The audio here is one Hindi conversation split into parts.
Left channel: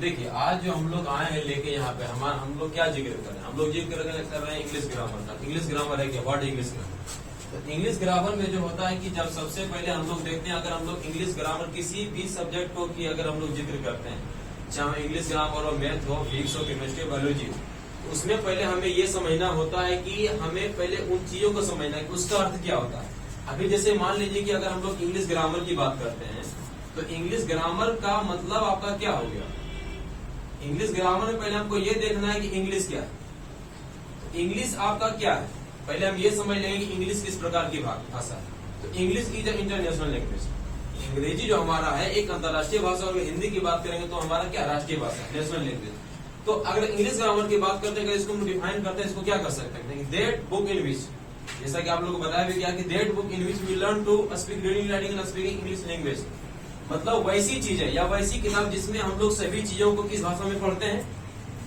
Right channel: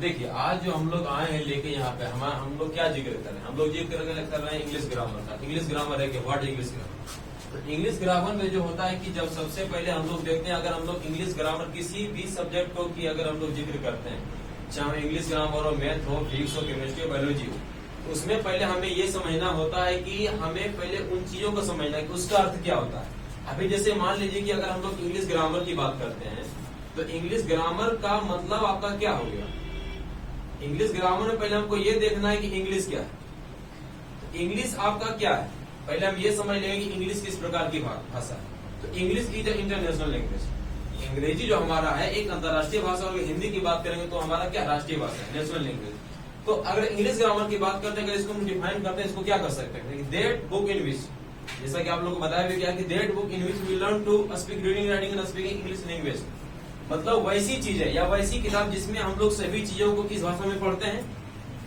देखिए आज जो हम लोग आए हैं लेके यहाँ पे हम लोग क्या जिक्र कर रहे हैं, हम लोग जिक्र कर रहे हैं इंग्लिश ग्रामर का। इंग्लिश ग्रामर है कि व्हाट इंग्लिश ग्रामर। तो इंग्लिश ग्रामर में जो होता है कि जब सबसे पहले हम लोग देखते हैं, अगर हम लोग इंग्लिश ग्रामर किसी भी सब्जेक्ट को की अगर हम लोग जिक्र करते हैं, चाहे इंग्लिश ग्रामर हो, मैथ हो, फिजिक्स हो, केमिस्ट्री, बायोलॉजी हो, तो उसमें पहले हमें ये समझना होता है कि हमें पहले उन चीजों को समझना है कि उसका अर्थ क्या होता है। अभी जैसे मान लीजिए कि अगर हम लोग इंग्लिश ग्रामर की बात करते हैं तो इंग्लिश ग्रामर का मतलब आपका क्या हो गया। इंग्लिश ग्रामर में पहले हमको ये देखना है कि इंग्लिश क्या है। इंग्लिश आपका क्या है, पहले हम ये समझ लेंगे कि इंग्लिश किस प्रकार की भाषा है। तो इंग्लिश इज इंटरनेशनल लैंग्वेज। अंग्रेजी जो हमारा है एक अंतर्राष्ट्रीय भाषा, और हिंदी की बात करेंगे तो हमारा क्या राष्ट्रीय भाषा है, नेशनल लैंग्वेज। तो अगर इंग्लिश ग्रामर की बात करते हैं, अगर इसको हम डिफाइन करते हैं, इसको क्या कर सकते हैं, दैट बुक इन विच, जैसा कि आप लोगों को बताया भी क्या कि that book in which we learn to speak reading, writing and speaking English language. मतलब वैसी चीज है या वैसी किताब जिसमें हम लोग सभी चीजों को किस भाषा में पढ़ते हैं,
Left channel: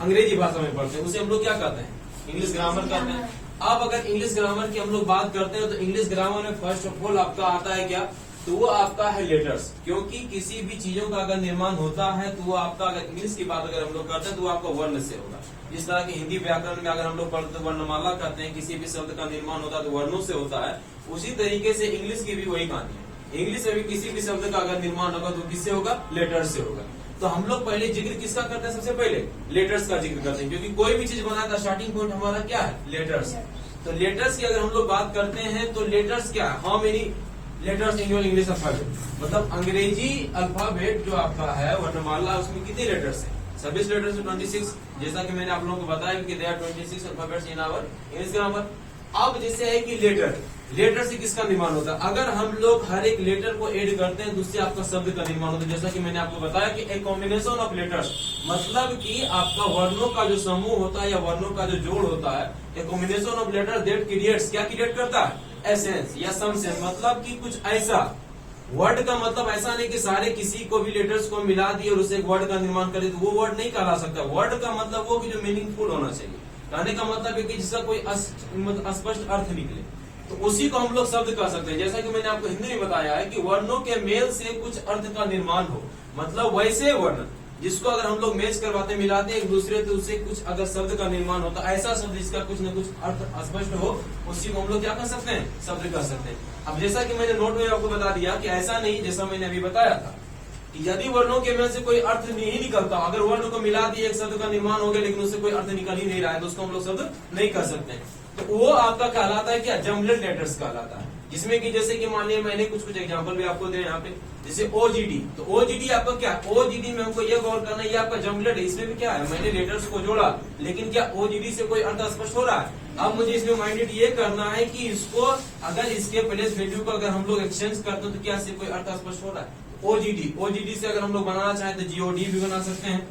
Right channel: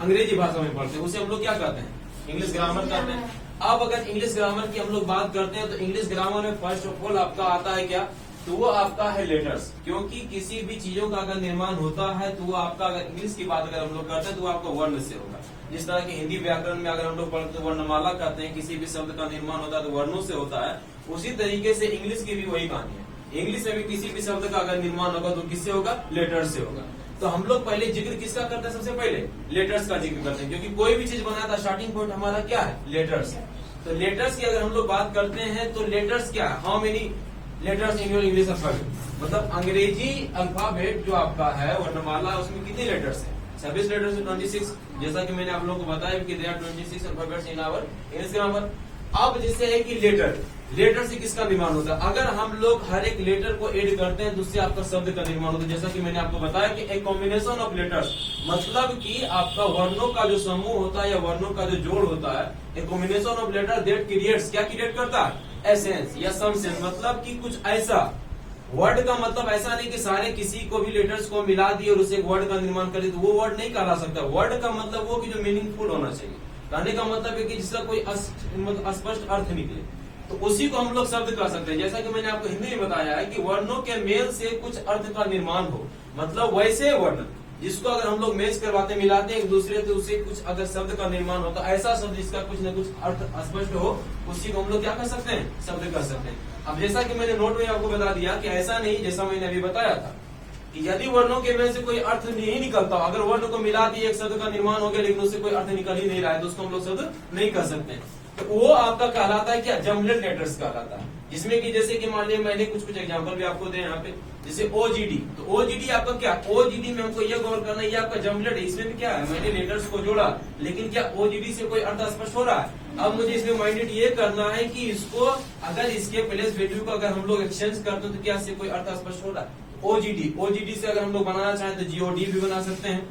अंग्रेजी भाषा में पढ़ते हैं, उसे हम लोग क्या कहते हैं, इंग्लिश ग्रामर कहते हैं। अब अगर इंग्लिश ग्रामर की हम लोग बात करते हैं तो इंग्लिश ग्रामर में फर्स्ट ऑफ ऑल आपका आता है क्या, तो वो आपका है लेटर्स। क्योंकि किसी भी चीजों का अगर निर्माण होता है तो वो आपका, अगर इंग्लिश की बात अगर हम लोग करते हैं तो वो आपका वर्ण से होगा। जिस तरह की हिंदी व्याकरण में अगर हम लोग पढ़ते वर्णमाला कहते हैं, किसी भी शब्द का निर्माण होता है तो वर्णों से होता है, उसी तरीके से इंग्लिश की भी वही कहानी है। इंग्लिश में भी किसी भी शब्द का अगर निर्माण होगा तो किससे होगा, लेटर्स से होगा। तो हम लोग पहले जिक्र किसका करते हैं, सबसे पहले लेटर्स का जिक्र करते हैं, क्योंकि कोई भी चीज बनाता है स्टार्टिंग पॉइंट हमारा क्या है, लेटर्स। तो लेटर्स की अगर हम लोग बात करते हैं तो लेटर्स क्या है, how many letters in your English alphabet. मतलब अंग्रेजी अल्फाबेट जो आपका है वर्णमाला, उसमें कितने लेटर्स है, 26 लेटर्स है, 26। जैसा कि मैंने आप लोगों को बताया कि there 26 alphabets in our English grammar. अब जैसे है कि लेटर से किसका निर्माण होता है, अगर हम लोग हर एक लेटर को ऐड करते हैं तो उससे आपका शब्द का निर्माण होता है। जैसा कि मैंने आपको बताया कि एक कॉम्बिनेशन ऑफ लेटर्स, मतलब कि आपका वर्णों का जो समूह होता है या वर्णों का जो जोड़ होता है, एक combination of letter that creates, क्या क्रिएट करता है, एसेंस या सम सेंस। मतलब कि कुछ ऐसा वर्ड का मतलब ऐसा नहीं कि सारे किसी को भी लेटर्स को मिला दिए और उसे एक वर्ड का निर्माण कर दिए, तो वो वर्ड नहीं कहला सकता। वर्ड का मतलब वो कि जो मीनिंगफुल होना चाहिए, कहने का मतलब है कि जिसका कोई स्पष्ट अर्थ निकले, तो उसी को हम लोग शब्द कह सकते हैं। जैसा कि मैंने आपको हिंदी में बताया है कि वर्णों के मेल से कुछ अर्थ का निर्माण हो, मतलब वैसे वर्ण जिसको अगर हम लोग मैच करवाते मिलाते एक दूसरे से, उससे कुछ अगर शब्द का निर्माण होता है, ऐसा शब्द जिसका कुछ न कुछ अर्थ स्पष्ट हो, उसी को हम लोग क्या कर सकते हैं, शब्द कह सकते हैं। अब जैसा कि मैंने नोट में आपको बता दिया कि ऐसा नहीं, जैसा मैंने अभी बताया था कि यदि वर्णों के मेल से कोई अर्थ नहीं निकलता, अगर वर्ण को मिला दिए एक शब्द का निर्माण हो गया लेकिन उससे कोई अर्थ निकल ही नहीं रहा है, तो उसको हम लोग शब्द नहीं कर सकते हैं। तो वो आपका कहलाता है क्या, जमलेट लेटर्स कहलाता है। जिसमें कि जैसे कि मान लिया मैंने कुछ एग्जांपल भी आपको दे यहाँ पे, जैसे ओजीडी। तो ओजीडी आपका क्या, ओजीडी में हमको ये गौर करना है, ये आपका जमलेट है। इसमें भी क्या है, मैंने लेटर्स को जोड़ा, लेकिन क्या ओजीडी से कोई अर्थ स्पष्ट हो रहा है। अब मुझे इसमें माइंडेड ये करना है कि इसको अगर इसके प्लेस वैल्यू को अगर हम लोग एक्सचेंज करते हैं तो क्या इससे कोई अर्थ स्पष्ट हो रहा है। ओजीडी से अगर हम लोग बनाना चाहें तो जीओडी भी बना सकते हैं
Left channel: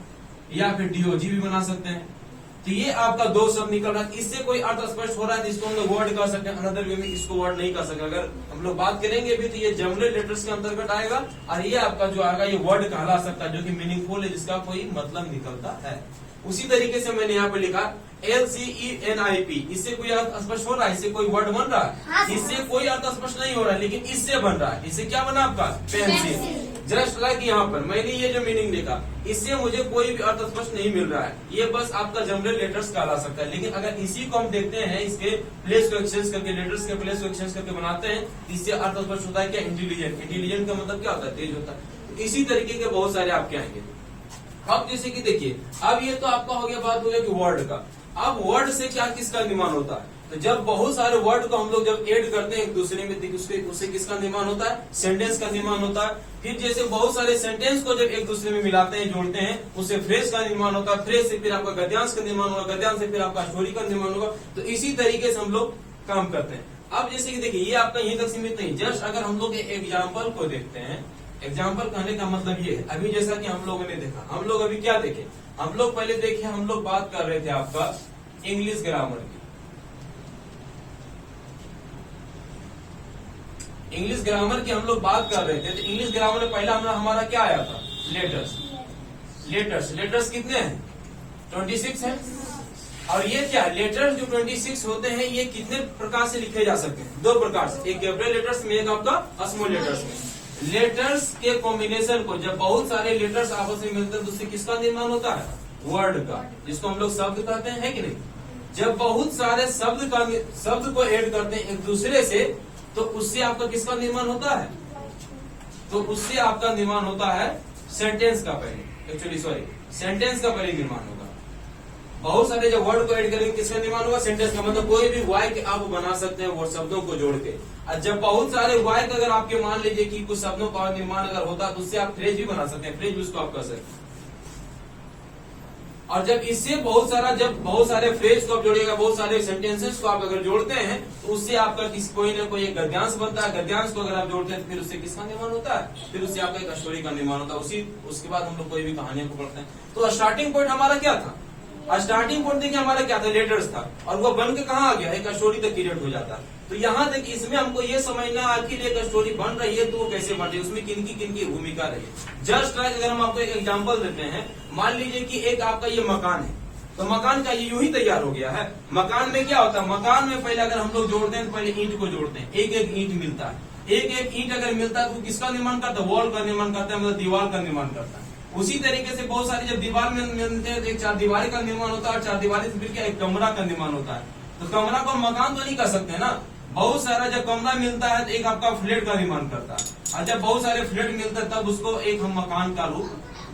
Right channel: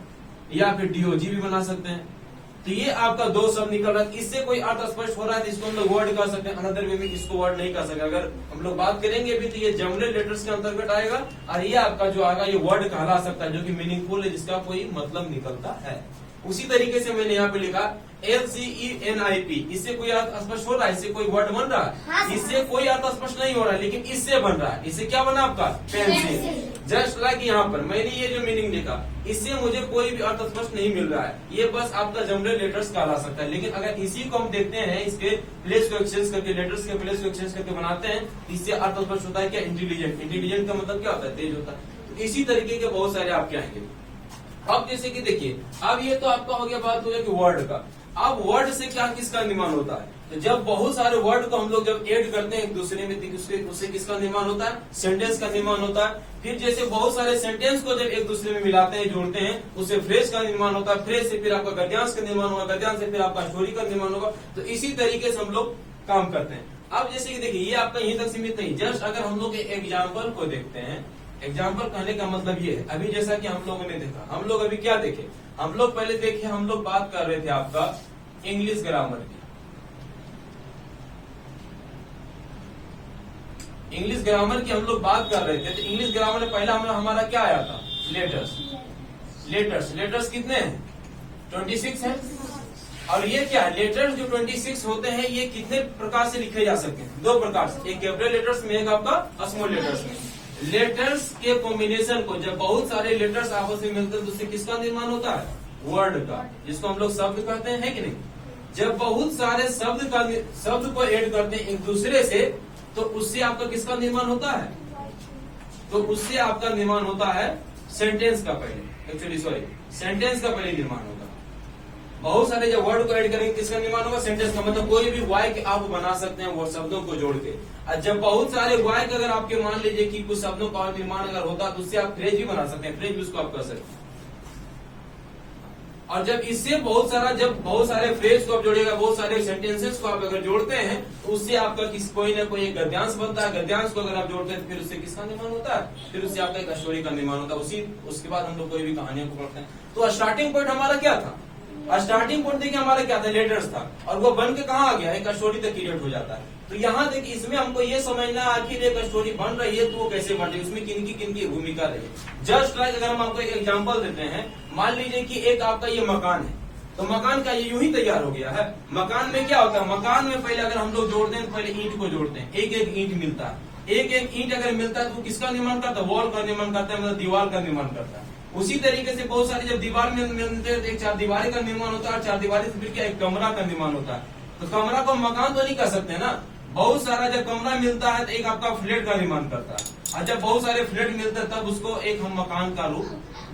या फिर डीओजी भी बना सकते हैं। तो ये आपका दो शब्द निकल रहा है, इससे कोई अर्थ स्पष्ट हो रहा है तो इसको हम लोग वर्ड कर सकते हैं, अनदर वे में इसको वर्ड नहीं कर सकते। अगर हम लोग बात करेंगे भी तो ये जमलेट लेटर्स के अंतर्गत आएगा, और ये आपका जो आएगा ये वर्ड कहला सकता है, जो कि मीनिंगफुल है, जिसका कोई मतलब निकलता है। उसी तरीके से मैंने यहाँ पे लिखा LCENIP, इससे कोई अर्थ स्पष्ट हो रहा है, इससे कोई वर्ड बन रहा है, इससे कोई अर्थ स्पष्ट नहीं हो रहा है, लेकिन इससे बन रहा है। इससे क्या बना आपका, पेंसिल। जस्ट लाइक यहाँ पर मैंने ये जो मीनिंग लिखा, इससे मुझे कोई भी अर्थ स्पष्ट नहीं मिल रहा है, ये बस आपका जमलेट लेटर्स कहला सकता है। लेकिन अगर इसी को हम देखते हैं, इसके प्लेस को एक्सचेंज करके, लेटर्स के प्लेस को एक्सचेंज करके बनाते हैं, इससे अर्थ स्पष्ट होता है क्या, इंटेलिजेंट। इंटेलिजेंट का मतलब क्या होता है, तेज होता है। तो इसी तरीके के बहुत सारे आपके आएंगे। अब जैसे कि देखिए, अब ये तो आपका हो गया, बात हो गया कि वर्ड का। अब वर्ड से क्या किसका निर्माण होता है, तो जब बहुत सारे वर्ड को हम लोग जब ऐड करते हैं एक दूसरे में, उससे किसका निर्माण होता है, सेंटेंस का निर्माण होता है। फिर जैसे बहुत सारे सेंटेंस को जब एक दूसरे में मिलाते हैं, जोड़ते हैं, उससे फ्रेज का निर्माण होता है, फ्रेज से फिर आपका गद्यांश का निर्माण होगा, गद्यांश से फिर आपका स्टोरी का निर्माण होगा। तो इसी तरीके से हम लोग काम करते हैं। अब जैसे कि देखिए, ये आपका यहीं तक सीमित नहीं, जस्ट अगर हम लोग एग्जाम्पल को देखते हैं, एग्जाम्पल कहने का मतलब ये है, अभी जैसा कि हम लोगों ने देखा, हम लोग अभी क्या देखे, हम लोग पहले देखे, हम लोग बात कर रहे थे आपका इंग्लिश ग्रामर की। इंग्लिश ग्रामर की हम लोग बात कर रहे थे, तो इंग्लिश ग्रामर में पहला हमारा क्या आया था, लेटर्स कितने हैं, 26 है। और ये क्या है, लेटर्स जो 26 होते हैं, ये कितने प्रकार से लिखे जा सकते हैं, दो प्रकार से, एक कैपिटल लेटर्स में, एक आपका स्मॉल लेटर्स में। लेटर्स के कॉम्बिनेशन को, जब बहुत सारे लेटर्स आपस में मिलते हैं तो उससे किसका निर्माण होता है? वर्ड का, जिसको हम लोग शब्द कहते हैं, है कि नहीं? जब बहुत सारे शब्द को ऐड करते हैं एक दूसरे से, तो उससे आपका किसका निर्माण होता है? तो उससे आपका निर्माण होता है सेंटेंस का पहले, एक्चुअली सॉरी, सेंटेंस का पहले निर्माण होगा। बहुत सारे जब वर्ड को ऐड करेंगे किसका निर्माण होगा? सेंटेंस का। मतलब कोई भी वाक्य आप बना सकते हैं वो शब्दों को जोड़ के। और जब बहुत सारे वाक्य अगर आपके मान लीजिए कि कुछ शब्दों का निर्माण अगर होता तो उससे आप फ्रेज भी बना सकते हैं, फ्रेज भी उसको आप कर सकते हैं। और जब इससे बहुत सारे फ्रेज को आप जोड़ेगा, बहुत सारे सेंटेंसेस को आप अगर जोड़ते हैं तो उससे आपका कोई ना कोई एक गद्यांश बनता है। गद्यांश को अगर आप जोड़ते हैं तो फिर उससे किसका निर्माण होता है? फिर उससे आपका एक स्टोरी का निर्माण होता है। उसके बाद हम लोग कोई भी कहानियों को पढ़ते हैं। तो स्टार्टिंग पॉइंट हमारा क्या था? स्टार्टिंग पॉइंट देखिए हमारा क्या था? लेटर्स था, और वो बन के कहाँ आ गया? एक स्टोरी तक क्रिएट हो जाता है। तो यहाँ देखिए इसमें हमको ये समझना है आखिर एक स्टोरी बन रही है तो वो कैसे बन रही है, उसमें किनकी भूमिका रही है। जस्ट लाइक अगर हम आपको एक एग्जांपल देते हैं, मान लीजिए कि एक आपका ये मकान है, तो मकान का ये यूं ही तैयार हो गया है। मकान में क्या होता है? मकान में पहले अगर हम लोग जोड़ते हैं तो पहले ईंट को जोड़ते हैं, एक एक ईंट मिलता है। एक एक ईंट अगर मिलता है तो किसका निर्माण करता है? वॉल का निर्माण करता है, मतलब दीवार का निर्माण करता है। उसी तरीके से बहुत सारी जब दीवार में मिलते हैं तो एक चार दीवारी का निर्माण होता है, चार दीवारी से फिर क्या एक कमरा का निर्माण होता है। तो कमरा को मकान तो नहीं कर सकते ना। बहुत सारा जब कमरा मिलता है तो एक आपका फ्लैट का निर्माण करता है, और जब बहुत सारे फ्लैट मिलते हैं तब उसको एक हम मकान का रूप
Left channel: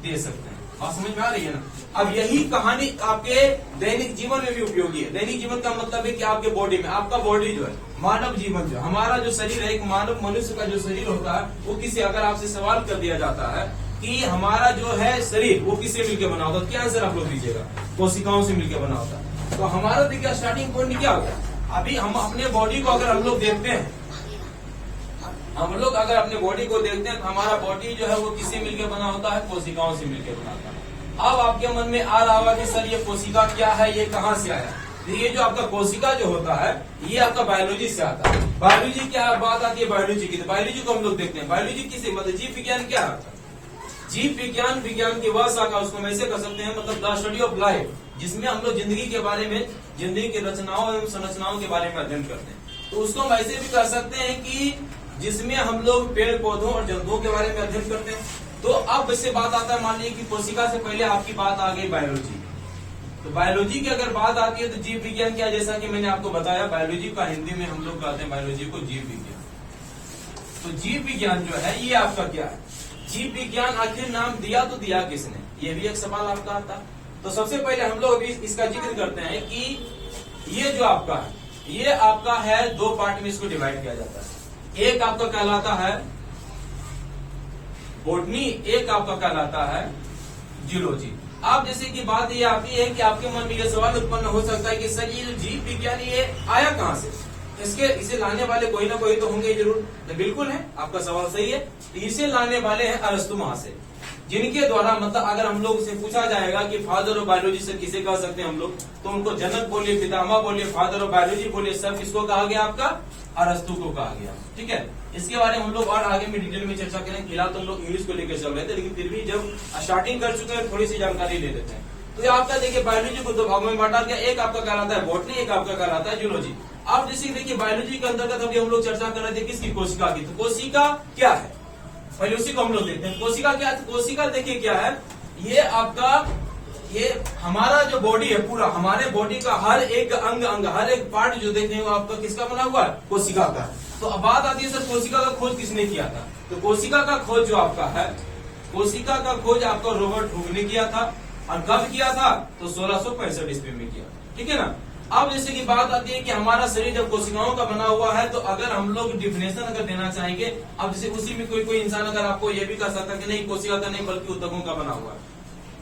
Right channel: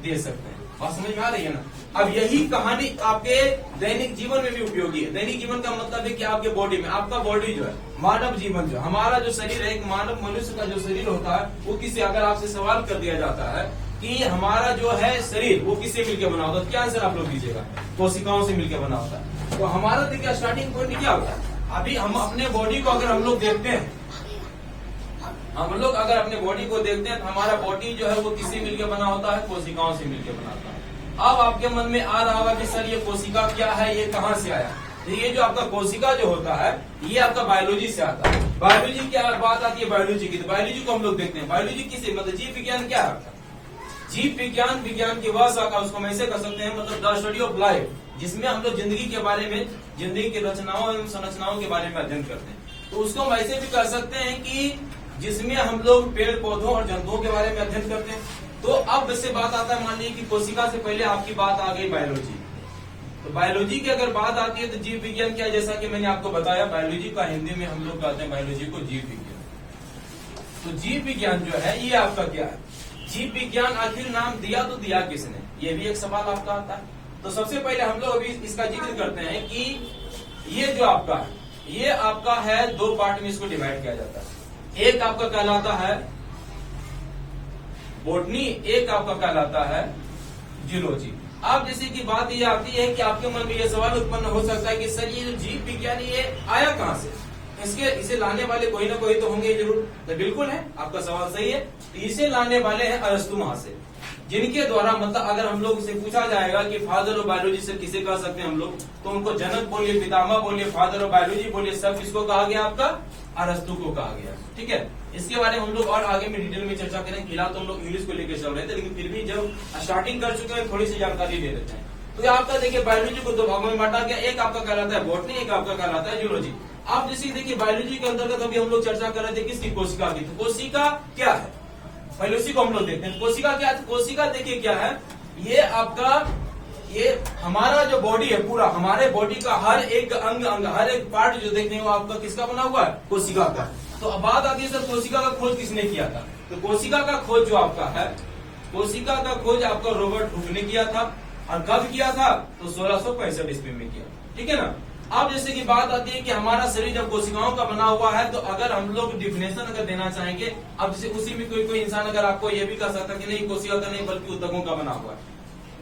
दे सकते हैं। बात समझ में आ रही है ना? अब यही कहानी आपके दैनिक जीवन में भी उपयोगी है। दैनिक जीवन का मतलब है कि आपके बॉडी में, आपका बॉडी जो है, मानव जीवन जो हमारा जो शरीर है, एक मानव मनुष्य का जो शरीर होता है वो किसी, अगर आपसे सवाल कर दिया जाता है कि हमारा जो है शरीर वो किससे मिलकर बना होता है, क्या आंसर आप लोग दीजिएगा? कोशिकाओं से मिलकर बना होता है। तो हमारा देखिए स्टार्टिंग पॉइंट क्या होता है? अभी हम अपने बॉडी को अगर हम लोग देखते हैं, हम लोग अगर अपने बॉडी को देखते हैं तो हमारा बॉडी जो है वो किससे मिलकर बना होता है? कोशिकाओं से मिलकर बना होता है। अब आपके मन में आ रहा होगा कि सर ये कोशिका क्या है, ये कहाँ से आया? ये जो आपका कोशिका जो होता है ये आपका बायोलॉजी से आता है। बायोलॉजी क्या बात आती है? बायोलॉजी की, तो बायोलॉजी को हम लोग देखते हैं। बायोलॉजी किसे, मतलब जीव विज्ञान क्या आता है? जीव विज्ञान, विज्ञान की वह शाखा, उसको हम ऐसे कर सकते हैं, मतलब द स्टडी ऑफ लाइफ, जिसमें हम लोग जिंदगी के बारे में, जिंदगी की रचनाओं एवं संरचनाओं के बारे में अध्ययन करते हैं। तो उसको हम ऐसे भी कर सकते हैं कि जिसमें हम लोग पेड़ पौधों और जंतुओं के बारे में अध्ययन करते हैं। तो अब इससे बात आता है, मान लीजिए कि कोशिका से पहले आपकी बात आ गई बायोलॉजी। तो बायोलॉजी की अगर बात आती है तो जीव विज्ञान क्या, जैसा कि मैंने आपको बताया, बायोलॉजी का हिंदी में हम लोग कहते हैं बायोलॉजी को जीव विज्ञान। तो जीव विज्ञान जो है ये आपका क्या है? जीव विज्ञान आखिर नाम दिया तो दिया किसने? ये भी एक सवाल आपका आता है। तो सबसे पहले हम लोग अभी इसका जिक्र करते हैं कि ये जो आपका है, ये आपका है, दो पार्ट में इसको डिवाइड किया जाता है। एक आपका कहलाता है बॉटनी, एक आपका कहलाता है जियोलॉजी। अब जैसे कि बात ये आती है कि आपके मन में ये सवाल उत्पन्न हो सकता है कि सर ये जो जीव विज्ञान ये आया कहाँ से? इसे लाने वाले कोई ना कोई तो होंगे जरूर। तो बिल्कुल है, आपका सवाल सही है। इसे लाने वाले हैं अरस्तु महाशय, जिनके द्वारा, मतलब अगर हम लोग से पूछा जाएगा कि फादर ऑफ बायोलॉजी से किसे कह सकते हैं हम लोग, तो उनको जनक बोलिए, पितामह बोलिए, फादर ऑफ बायोलॉजी बोलिए, सब किसको कहा गया? आपका अरस्तु को कहा गया। ठीक है, इसके बारे में हम लोग और आगे में डिटेल में चर्चा करें। फिलहाल तो हम लोग इंग्लिश को लेकर चल रहे थे, लेकिन फिर भी जब स्टार्टिंग कर चुके हैं थोड़ी सी जानकारी ले लेते हैं। तो ये आपका देखिए बायोलॉजी को दो भागों में बांटा गया, एक आपका कहलाता है बॉटनी, एक आपका कहलाता है जियोलॉजी। अब जैसे देखिए बायोलॉजी के अंतर्गत अभी हम लोग चर्चा कर रहे थे किसकी? कोशिका की। तो कोशिका क्या है पहले उसी को हम लोग देखते हैं। कोशिका क्या है? कोशिका देखिए क्या है, ये आपका, ये हमारा जो बॉडी है पूरा, हमारे बॉडी का हर एक अंग हर एक पार्ट जो देखते हैं वो आपका किसका बना हुआ है? कोशिका का। तो अब बात आती है सर कोशिका का खोज किसने किया था? तो कोशिका का खोज जो आपका है, कोशिका का खोज आपका रॉबर्ट हुक ने किया था। और कब किया था? तो 1665 ईस्वी में किया। ठीक है ना। अब जैसे कि बात आती है कि हमारा शरीर जब कोशिकाओं का बना हुआ है, तो अगर हम लोग डिफिनेशन अगर देना चाहेंगे, अब जैसे उसी में कोई इंसान अगर आपको ये भी कह सकता है कि नहीं कोशिका का नहीं बल्कि ऊतकों का बना हुआ है,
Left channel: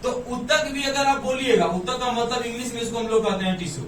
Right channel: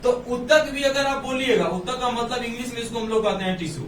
तो ऊतक भी अगर आप बोलिएगा, ऊतक का मतलब इंग्लिश में इसको हम लोग कहते हैं टिश्यू।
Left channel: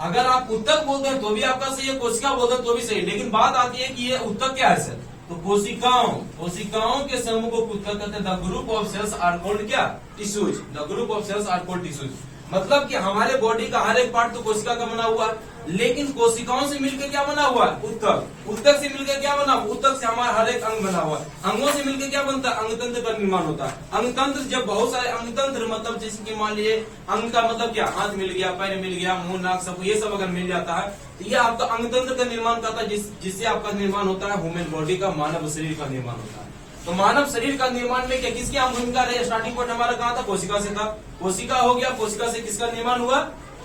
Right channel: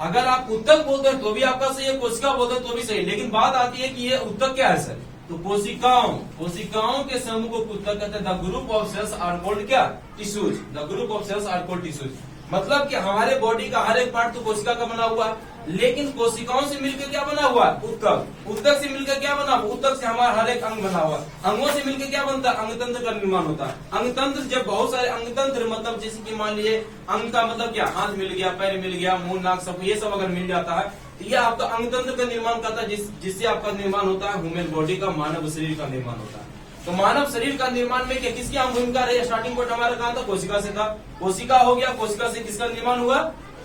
अगर आप ऊतक बोलते हैं तो भी आपका सही है, कोशिका बोलते हैं तो भी सही। लेकिन बात आती है कि ये ऊतक क्या है सर? तो कोशिकाओं के समूह को ऊतक कहते हैं। The group of cells are called क्या? Tissues. The group of cells are called tissues. मतलब कि हमारे बॉडी का हर एक पार्ट तो कोशिका का बना हुआ है। लेकिन कोशिकाओं से मिलकर क्या बना हुआ है, ऊतक। ऊतक से मिलकर क्या बना हुआ, ऊतक से हमारा हर एक अंग बना हुआ है। अंगों से मिलकर क्या बनता है, अंगतंत्र का निर्माण होता है। अंगतंत्र, जब बहुत सारे अंगतंत्र, मतलब जैसे कि मान लीजिए अंग का मतलब क्या, हाथ मिल गया, पैर मिल गया, मुंह नाक सब, ये सब अगर मिल जाता है तो ये आपका अंगतंत्र का निर्माण करता है, जिससे आपका निर्माण होता है ह्यूमन बॉडी का, मानव शरीर का निर्माण होता है। तो मानव शरीर का निर्माण में क्या किसकी भूमिका रही, स्टार्टिंग पॉइंट हमारा कहा था, कोशिका से था। कोशिका हो गया, कोशिका से किसका निर्माण हुआ,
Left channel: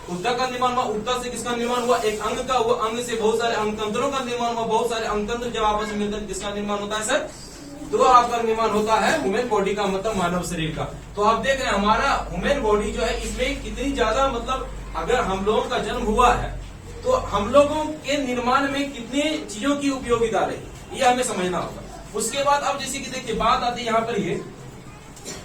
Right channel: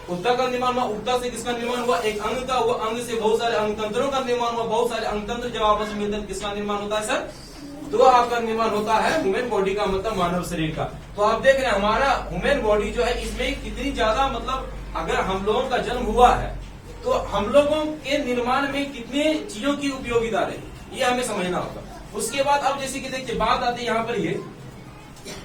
ऊतक का निर्माण हुआ। ऊतक से किसका निर्माण हुआ, एक अंग का हुआ। अंग से बहुत सारे अंगतंत्रों का निर्माण हुआ। बहुत सारे अंगतंत्र जब आपस में मिलते हैं किसका निर्माण होता है सर, तो आपका निर्माण होता है ह्यूमन बॉडी का, मतलब मानव शरीर का। तो आप देख रहे हैं हमारा ह्यूमन बॉडी जो है, इसमें कितनी ज्यादा, मतलब अगर हम लोगों का जन्म हुआ है तो हम लोगों के निर्माण में कितने चीजों की उपयोगिता रही, ये हमें समझना होगा। उसके बाद अब जैसे कि देखिए बात आती है यहाँ पर,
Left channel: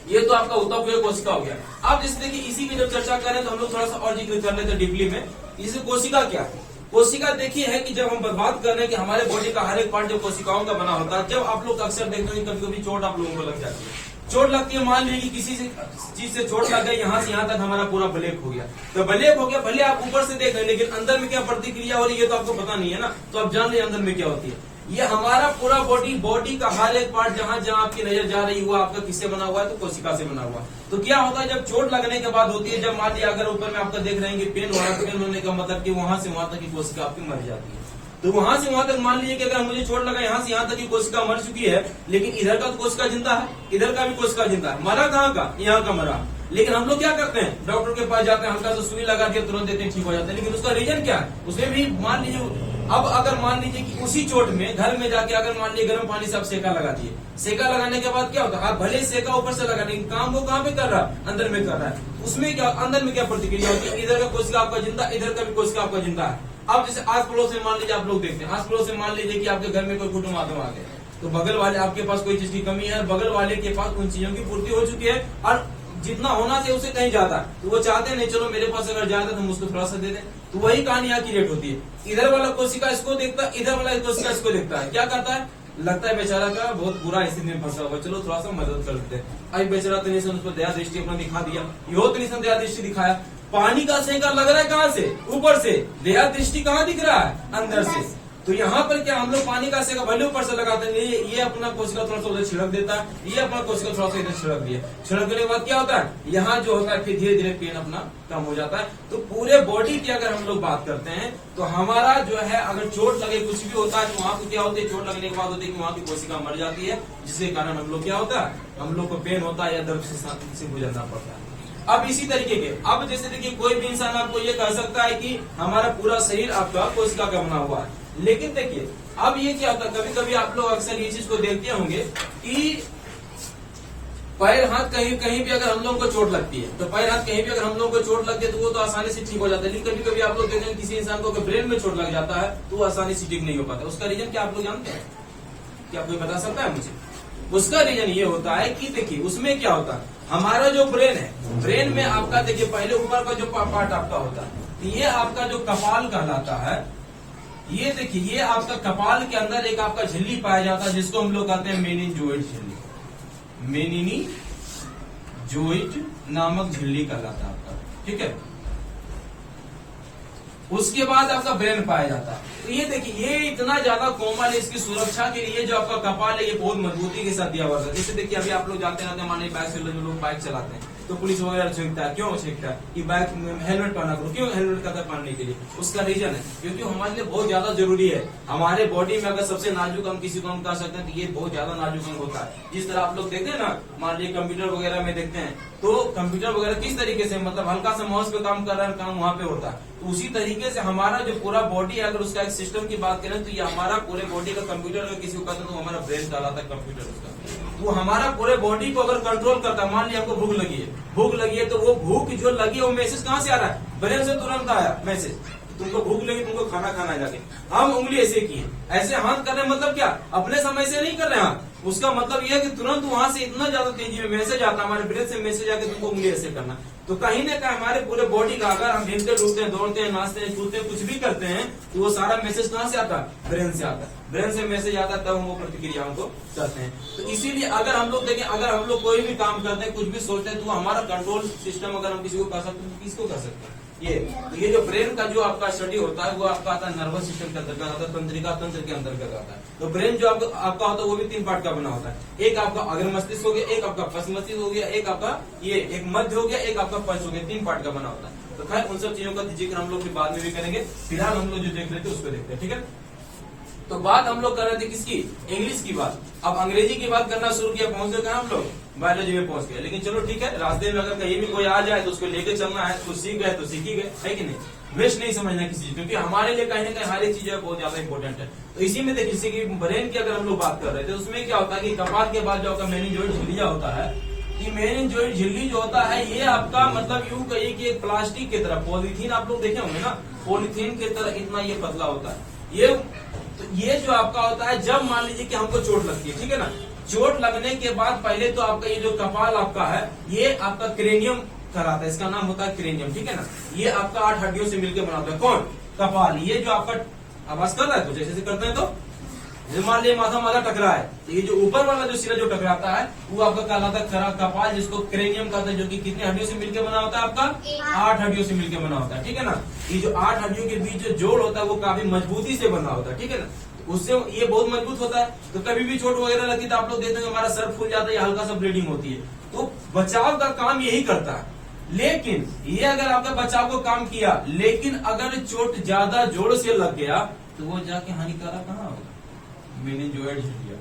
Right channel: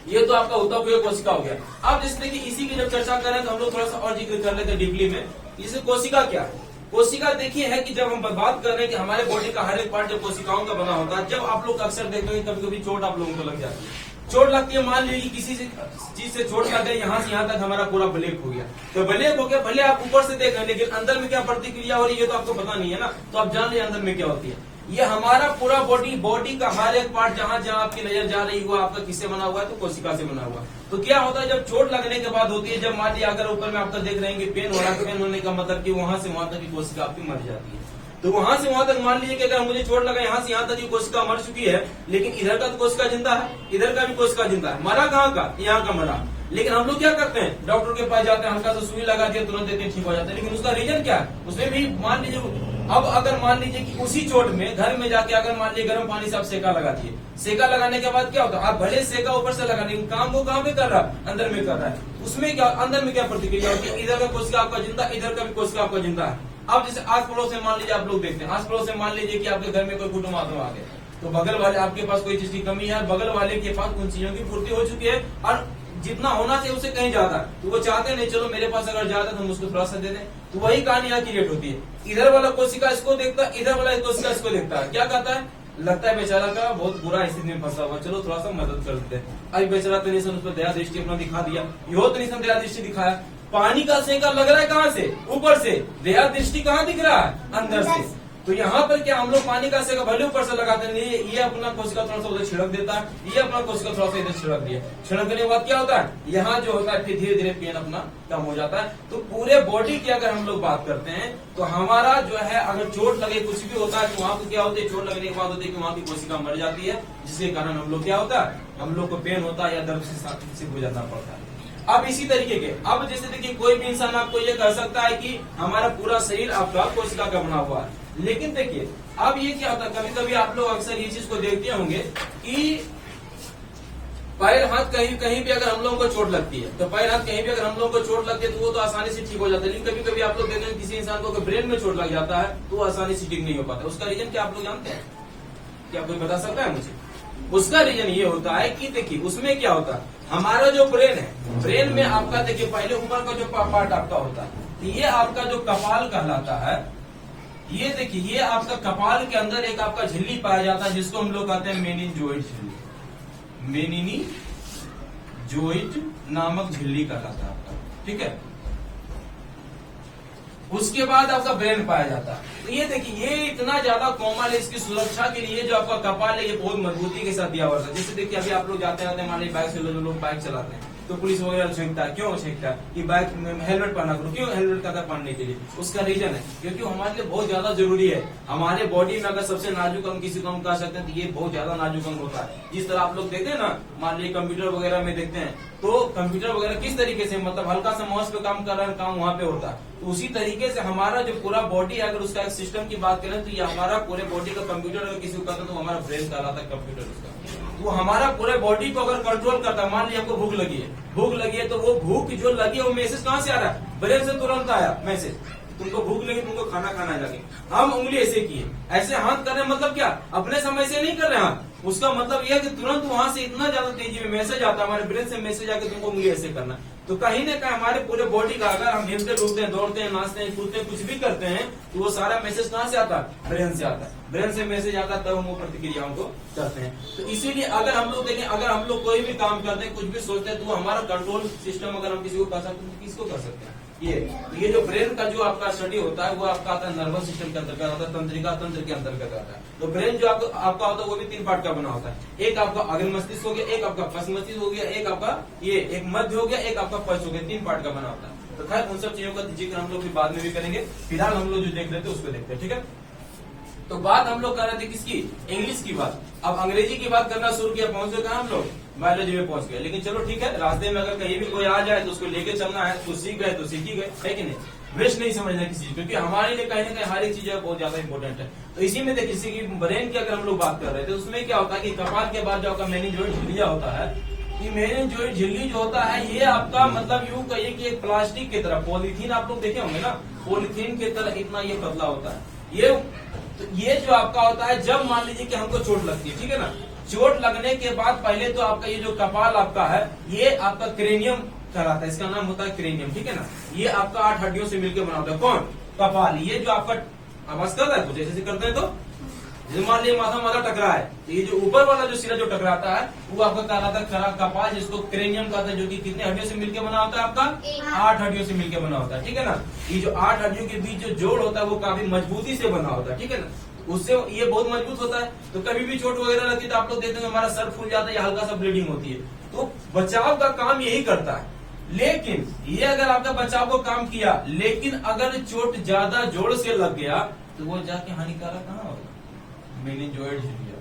ये तो आपका ऊतक कोशिका हो गया। अब जैसे देखिए इसी की जब चर्चा करें तो हम लोग थोड़ा सा और जिक्र कर लेते हैं डीपली में। जैसे कोशिका क्या है, कोशिका देखिए है कि जब हम बात कर रहे हैं कि हमारे बॉडी का हर एक पार्ट जो कोशिकाओं का बना होता है, जब आप लोग अक्सर देखते हैं कभी कभी चोट आप लोगों को लग जाती है, चोट लगती है, मान लीजिए कि किसी चीज से चोट लग गई, यहाँ से यहाँ तक हमारा पूरा ब्लैक हो गया। तो ब्लैक हो गया, भले आप ऊपर से देख रहे हैं लेकिन अंदर में क्या प्रतिक्रिया हो रही है तो आपको पता नहीं है ना, तो आप जान रहे अंदर में क्या होती है। ये हमारा पूरा बॉडी का हर एक पार्ट जहाँ जहाँ आपकी नजर जा रही हुआ, आपका किससे बना हुआ है, तो कोशिका से बना हुआ। तो क्या होता है जब चोट लगने के बाद होती है, जब मान लिया अगर ऊपर में आपका देख रहे हैं पेन हो रहा है, पेन होने का मतलब कि वहां से वहां तक की कोशिका आपकी मर जाती है। तो वहां से वहां तक मान लीजिए कि अगर मुझे चोट लगा, यहाँ से यहाँ तक की कोशिका मर चुकी है, लेकिन इधर का तो कोशिका जिंदा है, इधर का भी कोशिका जिंदा है। मरा कहाँ का, यहाँ का मरा। लेकिन हम लोग क्या करते हैं, डॉक्टर के पास जाते हैं, हल्का सा सुई लगा दिया, तुरंत देते हैं, ठीक हो जाता है। लेकिन उसका रीजन क्या है, उसमें भी मान लीजिए, अब अगर मान लीजिए कि उसी चोट में घर में जाके अगर मान लीजिए गर्म पानी से आप सेका लगा दिए, सेका लगाने के बाद क्या होता है, आप भले सेका ऊपर से लगा, लेकिन काम वो कहाँ पे कर रहा है, अंदर में कर रहा है। उसमें क्या, अंदर में क्या प्रतिक्रिया होती है, इधर का कोशिका आपका जिंदा, इधर का भी कोशिका आपका जिंदा है। अब जैसे आस पड़ोस में मान लीजिए आप लोग देखते हैं, आस पड़ोस में मान लीजिए कि आपके घर में कोई कुटुंब आत्मा आ गए, तो बगल वाले आपके पास कोई चीज की कमी है और बगल वाले के पास उन चीजों की पूर्ति हो चुकी है और जितना होना चाहिए उससे कहीं ज्यादा, तो वो चाहते नहीं चलो मेरे पास अगर ज्यादा तो हम उसको थोड़ा सा दे दें। तो वही कहानी यहाँ क्रिएट होती है। इधर वाला कोशिका इसको देखता है, इधर वाला कोशिका इसको देखता है, क्या कहता है, लगता है बेचारा का बहुत बुरा स्थिति में फंसा हुआ, चलो थोड़ा सा मदद कर देते हैं। अभी बेचारा तो निशन उस पर दया दृष्टि अपना दिखा दिया, यो तो निशन दया दृष्टि दिखाया। पानी का सेंका लग रहा है कहाँ से, ऊपर से, दया दृष्टि कहाँ दिख रहा है, अंदर से। तो यहाँ पर क्या हम लोग पानी का सेंका भले ऊपर से लगाते हैं, ये अपना कोशिका थोड़ा सा उधर छिड़क देता है, ये अपना कोशिका थोड़ा सा इधर छिड़क दिया, छिड़कने के बाद क्या होता है, यहाँ जो होता है फिर धीरे धीरे पेन अपना कम हो जाता है। तो पूरे बॉडी की अगर हम लोग बात करते हैं तो हमारा जो है अगर चोट लगे कुछ भी होता है तो वहाँ को क्या होती है, चोट लगने के बाद होती है कि वहाँ की कोशिका मर जाती है, जिसके कारण हम लोग क्या होता है, हम लोग को पेन होता है या दर्द से गुजरना पड़ता है। अब इसी तरीके के, अब जैसे देखिए कोई भी इंसान आपको ये कह सकता है कि हमारा पूरा शरीर आपका कोशिका का बना हुआ है, लेकिन देखिए अब ये क्या होता है, कभी कभी आप लोग अक्सर ये चीज को देखते होंगे कि पैर हाथ कहीं भी अगर हम लोगों को चोट लगती है, तो पैर हाथ कहीं भी अगर हम लोगों को चोट लगती है तो वो तो आसानी से ठीक हो जाता है। लेकिन कभी कभी आप लोग देखते हैं किसी इंसान को ब्रेन में चोट लग जाता है तो वो आसानी से ठीक नहीं हो पाता। उसका रीजन क्या आप लोग जानते हैं, क्या कोई बता सकता है मुझे? उसका रीजन ये होता है कि देखिए उसमें क्या होता है, हमारा जो ब्रेन है, ब्रेन में आपका देखिए पहले ऊपर का जो पार्ट आपका होता है, तो ये आपका जो कपाल कहलाता है, ये देखिए ये आपका कपाल के अंदर एक आपका झिल्ली पाया जाता है जिसको हम लोग कहते हैं मेनिनजोइड झिल्ली, मेनिनजोइड नामक झिल्ली कहलाता है आपका, ठीक है। उसके बाद आपका ब्रेन पाया जाता है। तो ये देखिए ये इतना ज्यादा कोमल है, इसकी सुरक्षा के लिए जो आपका कपाल है ये बहुत मजबूती के साथ दिया हुआ है। जैसे देखिए अभी आप लोग जाते हैं मान लीजिए बाइक से लोग बाइक चलाते हैं तो पुलिस वगैरह छींकता है, क्यों छींकता है कि बाइक हेलमेट पहना करो, क्यों हेलमेट कहता है पहनने के लिए, उसका रीजन है क्योंकि हमारे लिए बहुत ज्यादा जरूरी है। हमारे बॉडी में अगर सबसे नाजुक अंग किसी को हम कह सकते हैं तो ये बहुत ज्यादा नाजुक अंग होता है। जिस तरह आप लोग देखते हैं ना, मान लीजिए कंप्यूटर वगैरह में देखते हैं तो कंप्यूटर वगैरह किस तरीके से मतलब हल्का सा माउस पे काम कर रहा है, काम वहाँ पे होता है, तो उसी तरीके से हमारा जो पूरा बॉडी है अगर उसका एक सिस्टम की बात करें तो ये हमारा पूरे बॉडी का कंप्यूटर अगर किसी को कहता है तो हमारा ब्रेन कहलाता है कंप्यूटर उसका। वो हमारा पूरे बॉडी को अगर कंट्रोल करता है। मान लिया हमको भूख लगी है तो वो भूख जो लगी है वो मैसेज कहाँ से आ रहा है, ब्रेन से तुरंत आया मैसेज, तुमको भूख लगी, तुमको खाना खाना है जाके। हम उंगली ऐसे की है, ऐसे हाथ कर रहे हैं, मतलब क्या अपने समय से नहीं कर रहे हैं, उसका मतलब यह है कि तुरंत वहां से इतना ज्यादा तेजी में मैसेज आता है, हमारे ब्रेन से मैसेज आके तुमको उंगली ऐसे करना। तो कहीं ना कहीं हमारे पूरे बॉडी का अगर हम हिलते डुलते हैं, दौड़ते हैं, नाचते हैं, कूदते हैं, कुछ भी करते हैं तो वो सारा मैसेज कहाँ से आता है, ब्रेन से आता है। ब्रेन से मैसेज आता है तब हम वो प्रतिक्रियाओं को करते हैं। तो इसीलिए अगर हम लोग देखें, अगर हम लोग कोई भी काम करते हैं, कुछ भी सोचते हैं तो हमारा कंट्रोल सिस्टम अगर हम किसी को कर सकते हैं तो किसको कर सकते हैं, ये जो ब्रेन का जो आपका स्टडी होता है वो आपका आता है नर्वस सिस्टम के अंतर्गत आता है, तंत्रिका तंत्र के अंतर्गत आता है। तो ब्रेन जो आपका होता है वो भी 3 पार्ट का बना होता है। एक आपका अग्र मस्तिष्क हो गया, एक आपका पश्च मस्तिष्क हो गया, एक आपका ये एक मध्य हो गया, एक आपका पश्च हो गया, 3 पार्ट का बना होता है। तो खैर उन सब चीजों का जिक्र हम लोग बाद में भी करेंगे, फिलहाल हम लोग जो देख रहे थे उसको देखते हैं, ठीक है। तो बात हम लोग कर रहे थे किसकी, इंग्लिश की बात। अब अंग्रेजी की बात करना शुरू किया, पहुंच गए हम लोग बायोलॉजी में पहुंच गए। लेकिन चलो ठीक है, रास्ते में अगर कहीं भी कोई आ जाए तो उसको लेके चलना है, तो सीख गए तो सीख ही गए, है कि नहीं। वेस्ट नहीं समझना किसी चीज, क्योंकि हमारे लिए कहीं ना कहीं हर एक चीज बहुत ज्यादा इंपॉर्टेंट है। तो इसी में देखिए, किसी की ब्रेन की अगर हम लोग बात कर रहे थे, उसमें क्या होता है कि कपाल के बाद जो आपका मेनिंजोइड झिल्लिया होता है, कि मेनिंजोइड झिल्ली जो होता है ये आपका मतलब यूं कहिए कि एक प्लास्टिक की तरह, पॉलीथीन आप लोग देखे होंगे ना, पॉलीथीन की तरह इतना ये पतला होता है। ये जो आपका होता है, जब मान लीजिए कि हमको चोट लगती है, ठीक है ना, चोट लगने के बाद पहले तो आपका ये जो कपाल आपका है ये आपका क्रेनियम कहलाता है, इसका नाम होता है क्रेनियम, ठीक है ना। ये आपका 8 हड्डियों से मिलकर बना होता है। कौन, कपाल। ये जो आपका आवाज कर रहा है कुछ ऐसे करते हैं, तो जैसे मान लीजिए माथा टकरा है, तो ये जो ऊपर वाला जो सिरा जो टकराता है वो आपका कहलाता है कपाल, जिसको क्रेनियम कहते हैं, जो कि कितने हड्डियों से मिलकर बना होता है, आपका 8 हड्डियों से मिलकर बना होता है, ठीक है ना। ये जो 8 हड्डियों के बीच जो जोड़ होता है वो काफी मजबूती से बना होता है, ठीक है ना। उससे ये बहुत मजबूत होता है। तो कभी भी चोट वगैरह लगती है तो आप लोग देखते हैं हमारा सर फूल जाता है या हल्का सा ब्लीडिंग होती है, तो बचाव का काम यही करता है। लेकिन ये अगर आपका बचाव को काम किया, लेकिन अगर चोट ज्यादा जोर से लग गया तो वो जाके हानिकारक कहाँ होगा, मेनिंजोइड झिल्लिया।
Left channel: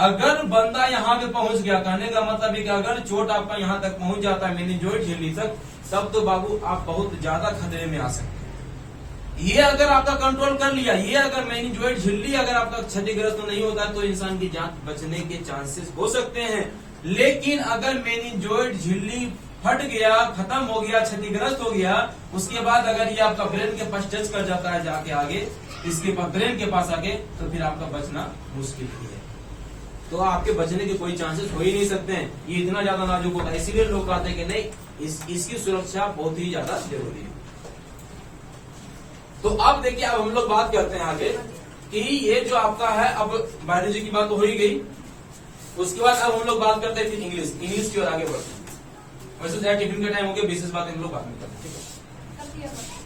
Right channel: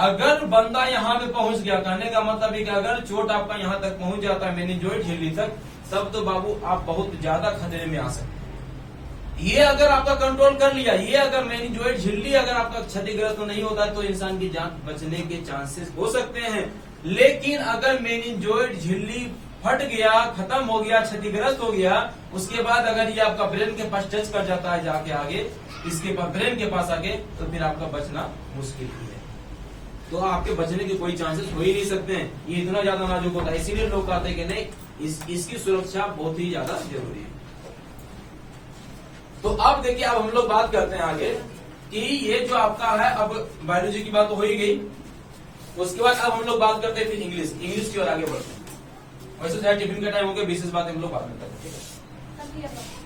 अगर बंदा यहाँ पे पहुंच गया, कहने का मतलब है कि अगर चोट आपका यहाँ तक पहुंच जाता है मेनिंजोइड झिल्ली तक, तब तो बाबू आप बहुत ज्यादा खतरे में आ सकते हैं। ये अगर आपका कंट्रोल कर लिया, ये अगर मेनिंजोइड झिल्ली अगर आपका क्षतिग्रस्त नहीं होता है तो इंसान की जान बचने के चांसेस हो सकते हैं। लेकिन अगर मेनिंजोइड झिल्ली फट गया, खत्म हो गया, क्षतिग्रस्त हो गया, उसके बाद अगर ये आपका ब्रेन के पास टच कर जाता है जाके आगे, इसके पास ब्रेन के पास आगे, तो फिर आपका बचना मुश्किल ही है। तो आपके बचने के कोई चांसेस हो ही नहीं सकते हैं। ये इतना ज्यादा नाजुक होता है, इसीलिए लोग कहते हैं कि नहीं, इसकी सुरक्षा बहुत ही ज्यादा जरूरी है। तो अब देखिए, अब हम लोग बात करते हैं आगे कि ये जो आपका है, अब बायोलॉजी की बात तो हो ही गई, उसके बाद अब हम लोग बात करते हैं फिर इंग्लिश की ओर आगे बढ़ते हैं। वैसे टिफिन का टाइम हो गया, विशेष बात हम लोग बाद में करते हैं।